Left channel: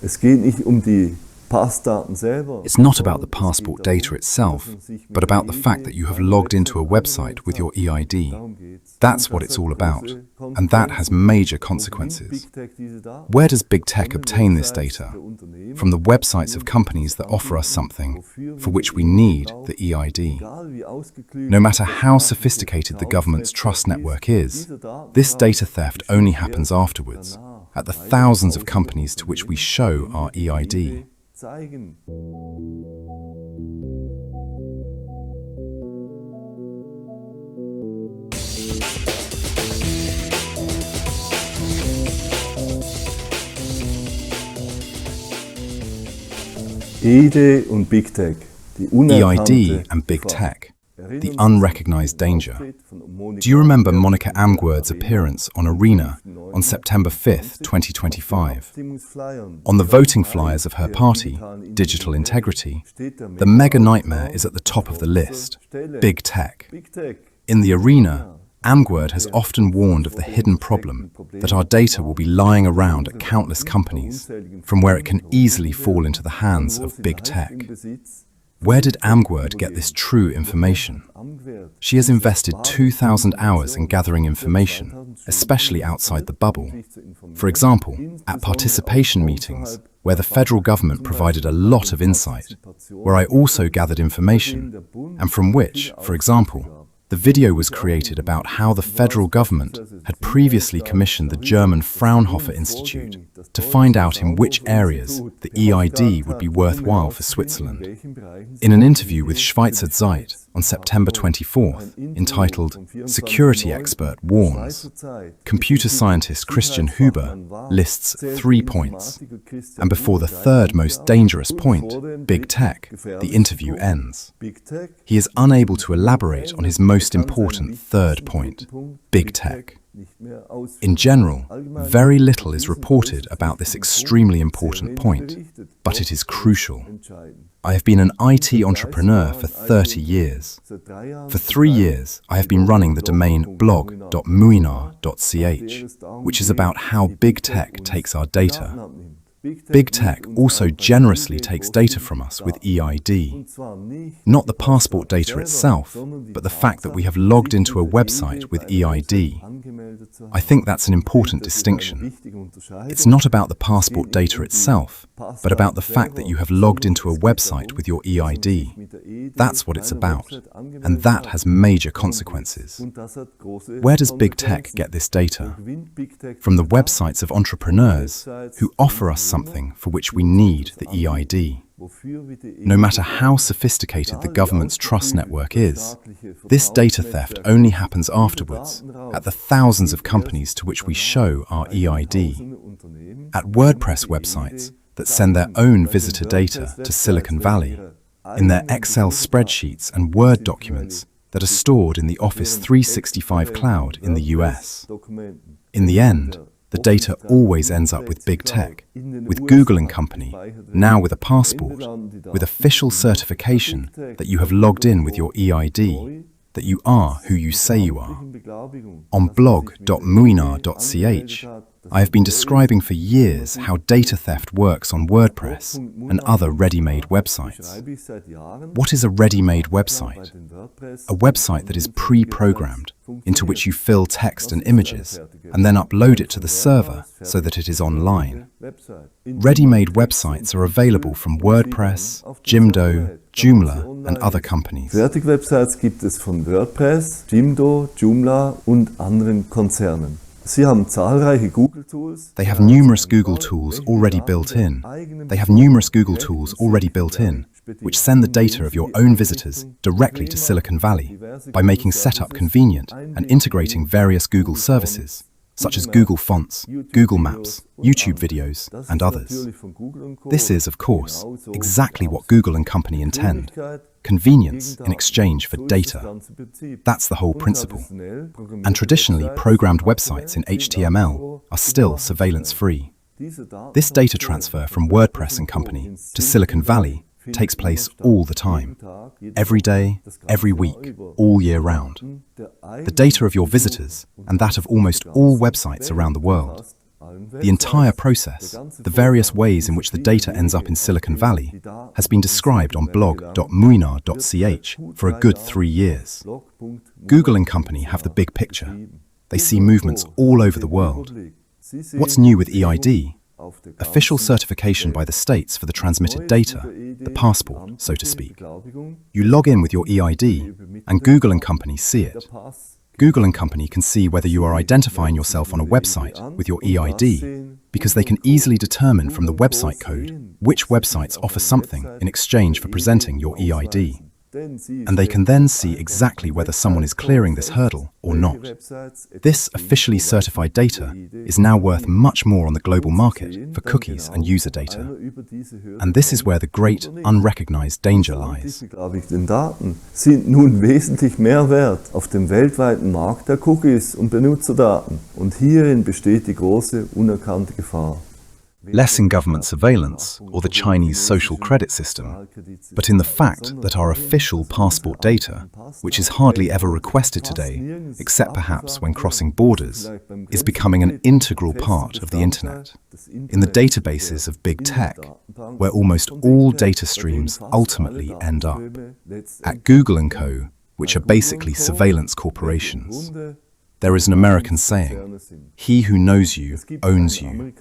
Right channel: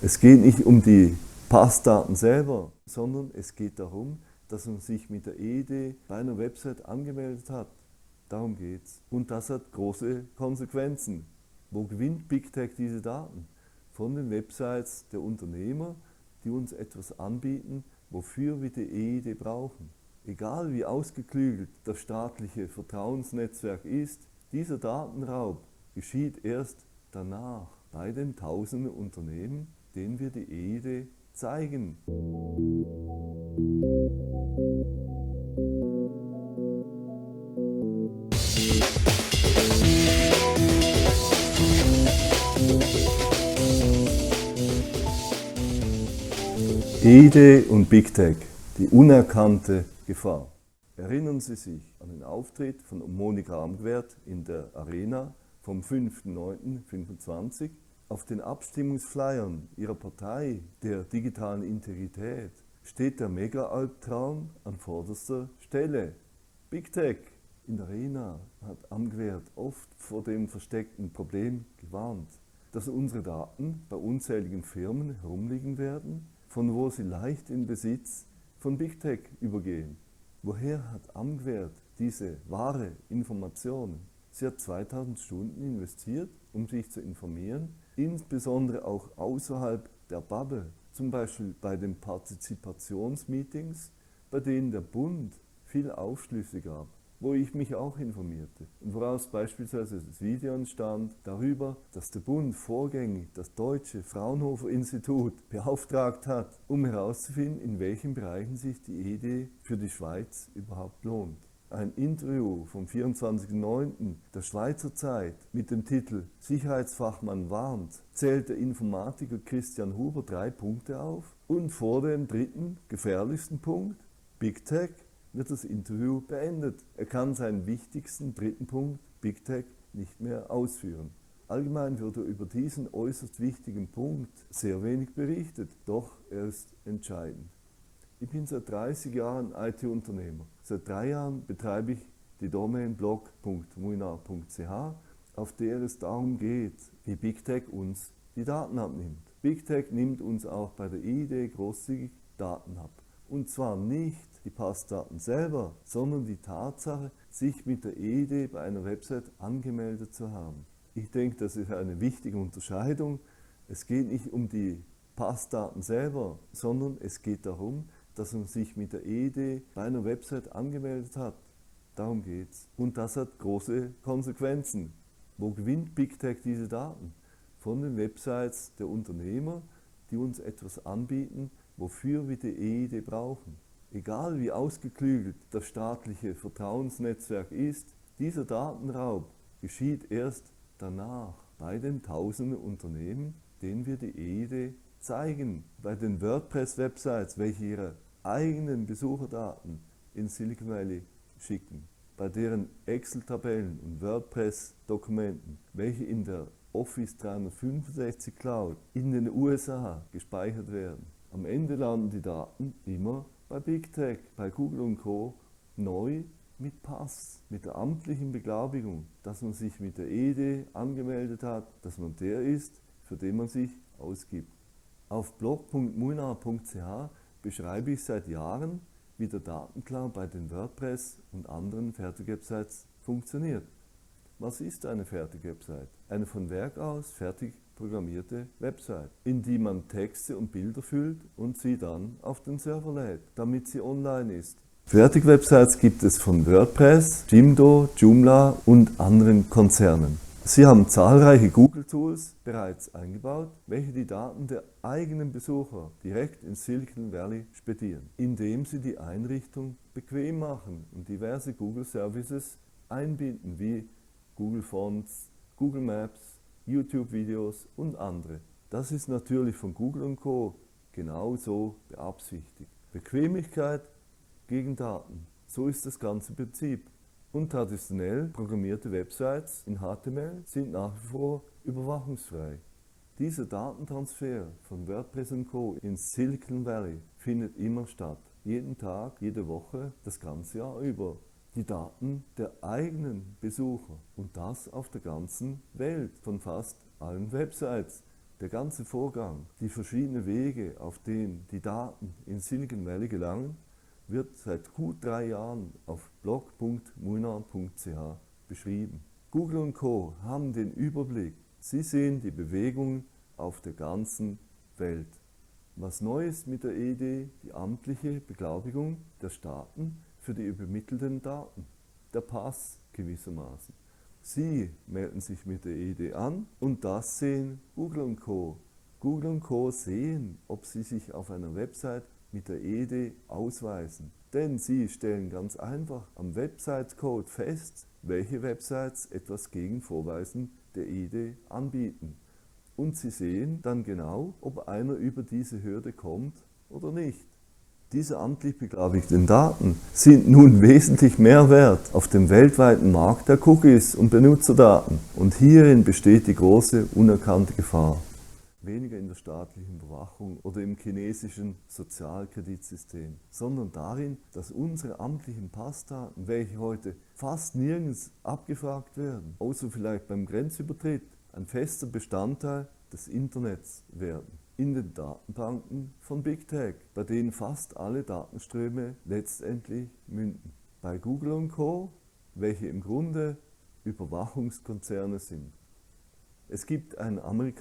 Es geht nicht die Passdaten selber. It's not about the passport data itself, but about the fact that you have logged into a website with your EID. That's what it's all about, and that has major consequences. Where does BigTech obtain this data? From the websites of companies that offer us something for which we need the EID. No matter how sophisticated the government's trust network is, this data theft only happens afterwards, at the thousands of companies to which we show our EID. EID und BigTech, die unerkannte EID and BigTech, the unrecognized danger. Do you remember Monika Amgwerd's appearance on Arena on September 5th, 2025? On the voting flyers of her party, Digital Integrity, the mega nightmare is at the top of the list, BigTech. In the Arena, Amgwerd has often warned of the hidden problem that our data will be lying around at countless companies, from where it can easily fall into the hands of BigTech. Where did Amgwerd get this true information? She has invested 2,000 hours in gathering information, especially outside the bubble. For example, at participation meetings, where the federal government provided a lot of insight, where I also gathered information, and from which, for example, the video was created about how the federal government had previously commissioned the German Fraunhofer Institute to find out in which areas the EID would be worthwhile for Switzerland. In an interview with Schweizer Zeit on September 24th, entitled "Security Expert Warns," computer scientist Christian Huber lists 3 points, and before the third most dangerous point, BigTech, the interview ends. He is unable to elaborate on his most important third point, BigTech. In general, very little is reported about this extremely important point, but it is crucial. I have been an IT entrepreneur for 30 years. For 3 years, I have been running the domain blog.muinar.ch, which is about how BigTech takes our data. BigTech also generously takes data from us with EID. Not the passport data itself, but the fact that we have logged into a website with EID. I think that's an important distinction. It's not about the passport data itself, but about the fact that you have logged into a website with your EID. That's what it's about, and that has major consequences. Where does BigTech get this data? From the websites of entrepreneurs who offer us something for which we need the EID. No matter how sophisticated the government's trust network is, this data theft only happens afterwards, at the thousands of companies to which we show our EID. At WordPress websites that send their own visitor data to Silicon Valley, in their Excel spreadsheets and Word documents that are stored in the Office 365 cloud in the US. In the end, the data always ends up with BigTech, with Gugl and Company, now with a passport, with official certification that you have logged in with your EID, that you are who you say you are. On blog.muinar.ch, I have been describing for years how data theft works on WordPress and other ready-made websites. What is a ready-made website? A website that is pre-programmed, into which you fill text and images, and then upload it to the server so that it is online. Ready-made websites are available from WordPress, Jimdo, Joomla, and other companies. Fertigwebsites gibt es von WordPress, Jimdo, Joomla und anderen Konzernen. Sie haben zahlreiche Google-Tools. They have numerous Google tools already built in. Which send the data of your own visitors directly to Silicon Valley by making setup convenient and integrating various Google services, such as Google Fonts, Google Maps, YouTube videos, and others. This is, of course, exactly what Gugl and Company intend: convenience in exchange for data. That's the whole principle. And traditionally programmed websites in HTML are still surveillance-free. This data transfer from WordPress and Company to Silicon Valley takes place all the time, every day, every week, all year round. The data of your visitors, and that of almost all websites around the world, The entire process, the various ways in which the data ends up in Silicon Valley, has been described on blog.muinar.ch for a good 3 years. Google and company have the big picture. They see movements all over the world. What's new with EID? Official certification by the states for the transmitted data, the passport, so to speak. You log in with your EID, and Google and company see it. Google and company can see whether you are identifying yourself on a website with your EID, because they can easily determine from the website code which websites offer something in exchange for presenting your EID. And they can then see exactly whether someone is clearing this hurdle or not. This officially certified data is now worth much more on the global market for cookies and user data. And this is where the great unrecognized danger lies. Daten sind nun wesentlich mehr wert auf dem weltweiten Markt der Cookies und Benutzerdaten. Und hierin besteht die große unerkannte Gefahr. Less in government surveillance or the Chinese social credit system, but in the fact that our official passport data, which is hardly ever requested today, except perhaps when crossing borders, is becoming an integral part of the internet. In the databases of BigTech, where almost all data streams ultimately end up. At Gugl & Co., which are basically surveillance corporations, there is an American saying, "He who knows you owns you."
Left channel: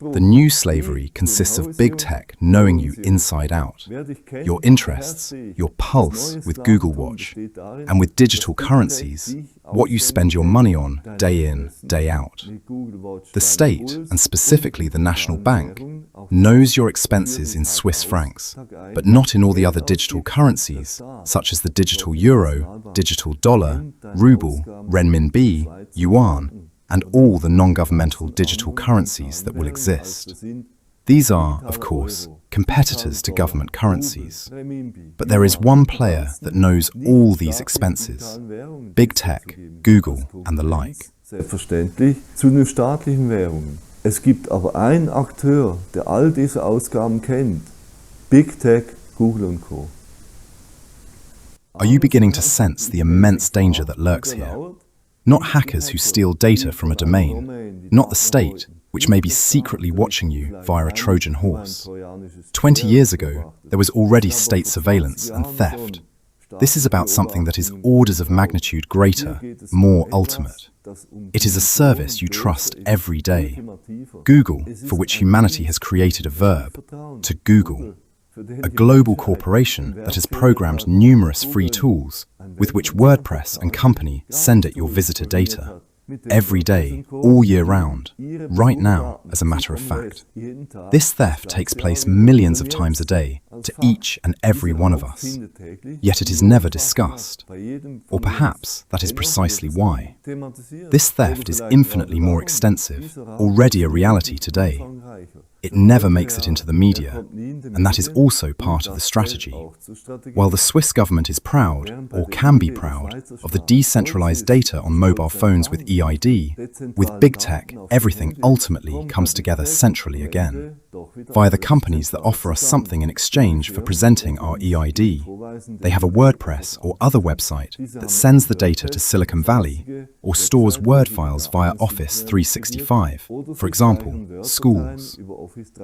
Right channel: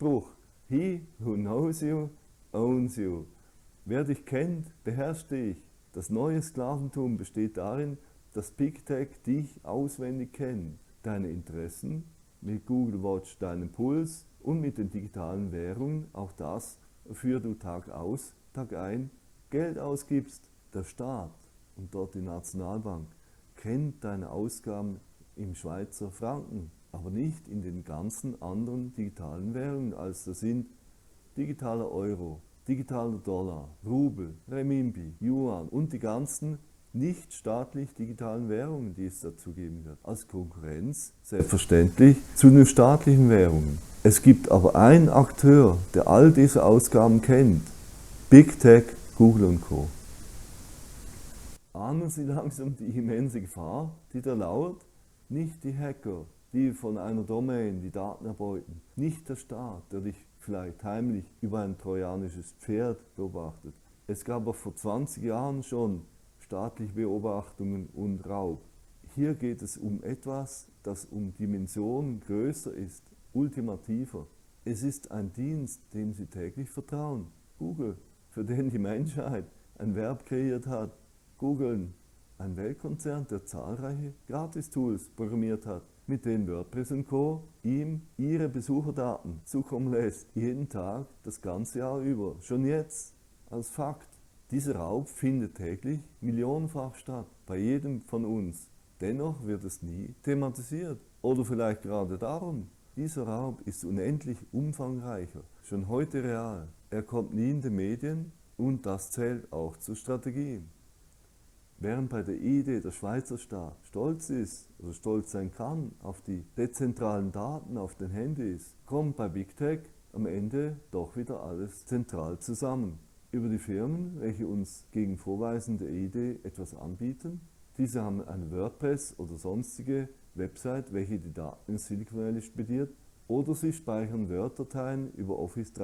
The new slavery consists of big tech knowing you inside out, your interests, your pulse with Google Watch, and with digital currencies, what you spend your money on day in, day out. The state, and specifically the National Bank, knows your expenses in Swiss francs, but not in all the other digital currencies, such as the digital euro, digital dollar, ruble, renminbi, yuan, and all the non-governmental digital currencies that will exist. These are, of course, competitors to government currencies. But there is one player that knows all these expenses: BigTech, Google, and the like. Selbstverständlich zu den staatlichen Währungen. Es gibt aber einen Akteur, der all diese Ausgaben kennt: BigTech, Google & Co. Are you beginning to sense the immense danger that lurks here? Not hackers who steal data from a domain, not the state, which may be secretly watching you via a Trojan horse. 20 years ago, there was already state surveillance and theft. This is about something that is orders of magnitude greater, more ultimate. It is a service you trust every day. Google, for which humanity has created a verb, to Google. A global corporation that has programmed numerous free tools with which WordPress and company send it your visitor data. Every day, all year round, right now, as a matter of fact. This theft takes place millions of times a day to each and every one of us, yet it is never discussed. Or perhaps that is precisely why. This theft is infinitely more extensive, already a reality today. It never makes it into the media, and that is also part of the strategy. While the Swiss government is proud, or can be proud, of the decentralized data on mobile phones with EID, with BigTech, everything ultimately comes together centrally again. Via the companies that offer us something in exchange for presenting our EID, they have a WordPress or other website that sends the data to Silicon Valley, or stores Word files via Office 365, for example, schools.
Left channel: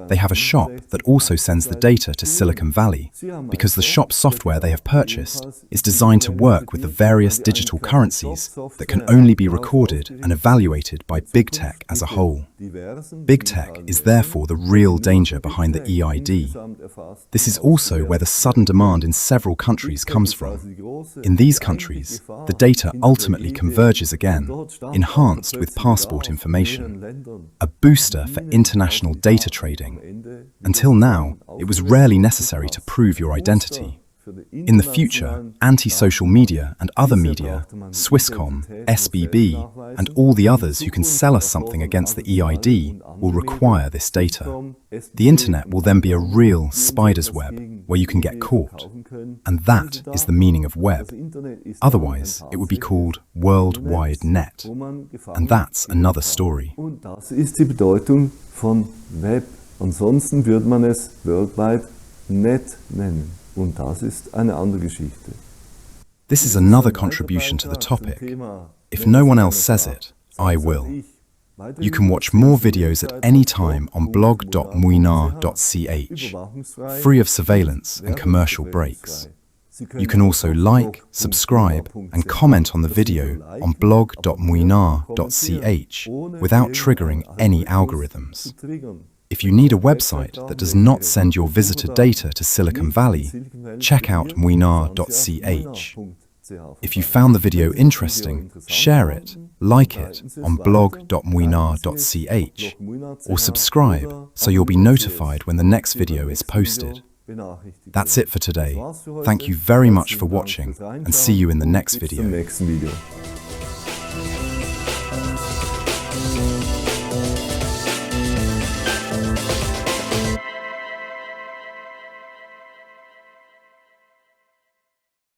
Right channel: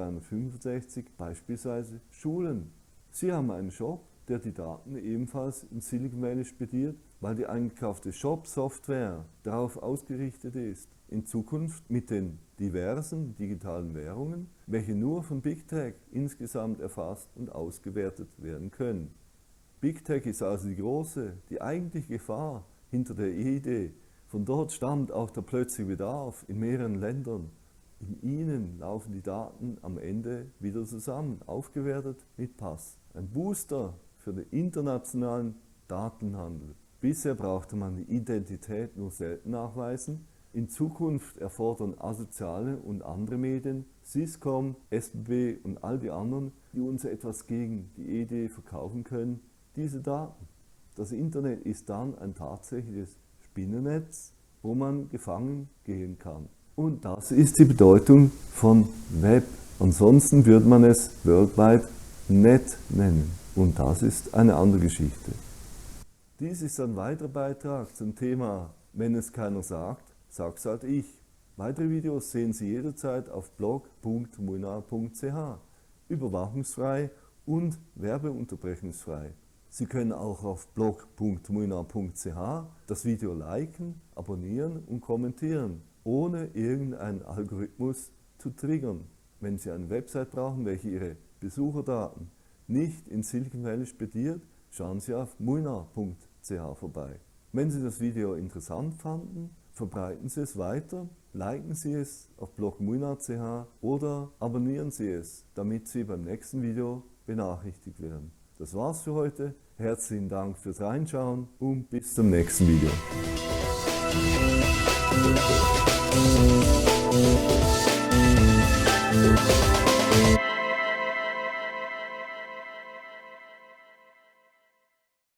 They have a shop that also sends the data to Silicon Valley, because the shop software they have purchased is designed to work with the various digital currencies that can only be recorded and evaluated by BigTech as a whole. BigTech is therefore the real danger behind the EID. This is also where the sudden demand in several countries comes from. In these countries, the data ultimately converges again, enhanced with passport information, a booster for international data trading. Until now, it was rarely necessary to prove your identity. In the future, anti-social media and other media, Swisscom, SBB, and all the others who can sell us something against the EID will require this data. The internet will then be a real spider's web where you can get caught. And that is the meaning of web. Otherwise, it would be called World Wide Net. And that's another story. Und das ist die Bedeutung von Web. Ansonsten würde man es World Wide Net nennen. Und das ist eine andere Geschichte. This is another contribution to the topic. If no one else says it, I will. You can watch more videos at any time on blog.muinar.ch, free of surveillance and commercial breaks. You can also like, subscribe, and comment on the video on blog.muinar.ch without triggering any algorithms. If you need a website that does not send your visitor data to Silicon Valley, check out muinar.ch. If you found the video interesting, share it, like it on blog.muinar.ch, or subscribe so you'll be notified when the next video is posted. That's it for today. Thank you very much for watching, and see you in the next video.